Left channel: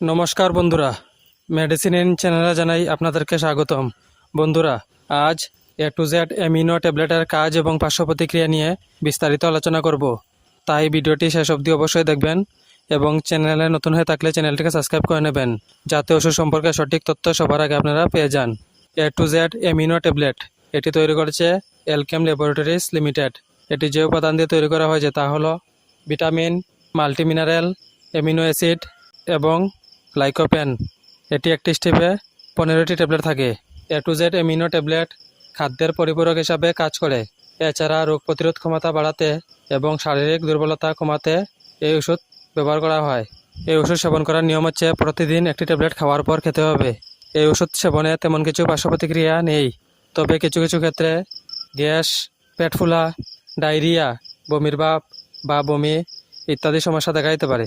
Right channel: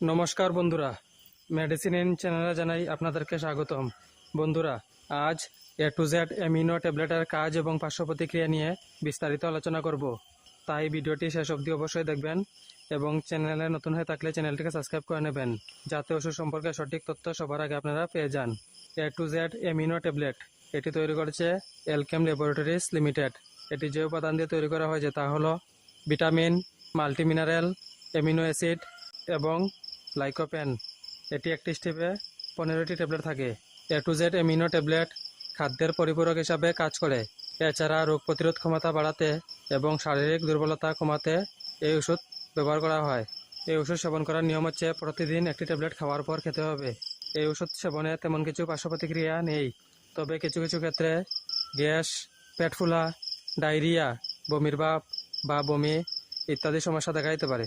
নমস্কার বন্ধুরা। Medicine in চ্যানেলে জানাই আপনাদেরকে স্বাগতম। বন্ধুরা, আজ এ টু জেড এমিনো ট্যাবলেটের কাজ এবং পার্শ্ব প্রতিক্রিয়া নিয়ে বিস্তারিত আলোচনা করব। তাই ভিডিওটি শেষ অবধি অবশ্যই দেখবেন এবং চ্যানেলে নতুন হয়ে থাকলে চ্যানেলটিকে সাবস্ক্রাইব করে নেবেন, যাতে ওষুধ সম্পর্কে সঠিক তথ্য সবার আগে আপনারা পেয়ে যান। A to Z amino tablet এটি তৈরি করেছে এলকেম ল্যাবরেটরিজ লিমিটেড এটি যে উপাদান দিয়ে তৈরি করা হয়েছে তা হলো ভিটামিন, মাল্টিমিনারেল, অ্যামিনো অ্যাসিড এবং লাইকোপেন এটি একটি স্টেপে পনেরোটি ট্যাবলেট থাকে। A to Z amino tablet খাদ্যের পরিপূরক হিসাবে কাজ করে। এছাড়া রোগ প্রতিরোধ ক্ষমতা বাড়াতে এবং শারীরিক দুর্বলতা কমাতে এই ওষুধ ব্যবহার করা হয়। এই ওষুধ সেবন করার নিয়ম হচ্ছে প্রতিদিন একটি ট্যাবলেট খাওয়ার পর খেতে হবে। এই ওষুধ সেবনে তেমন কিছু পার্শ্ব প্রতিক্রিয়া নেই। তবে কিছু কিছু ক্ষেত্রে গ্যাস, পেট ফুলা, ডায়রিয়া, বমির ভাব বা বমি ইত্যাদি সমস্যা দেখা দিতে পারে।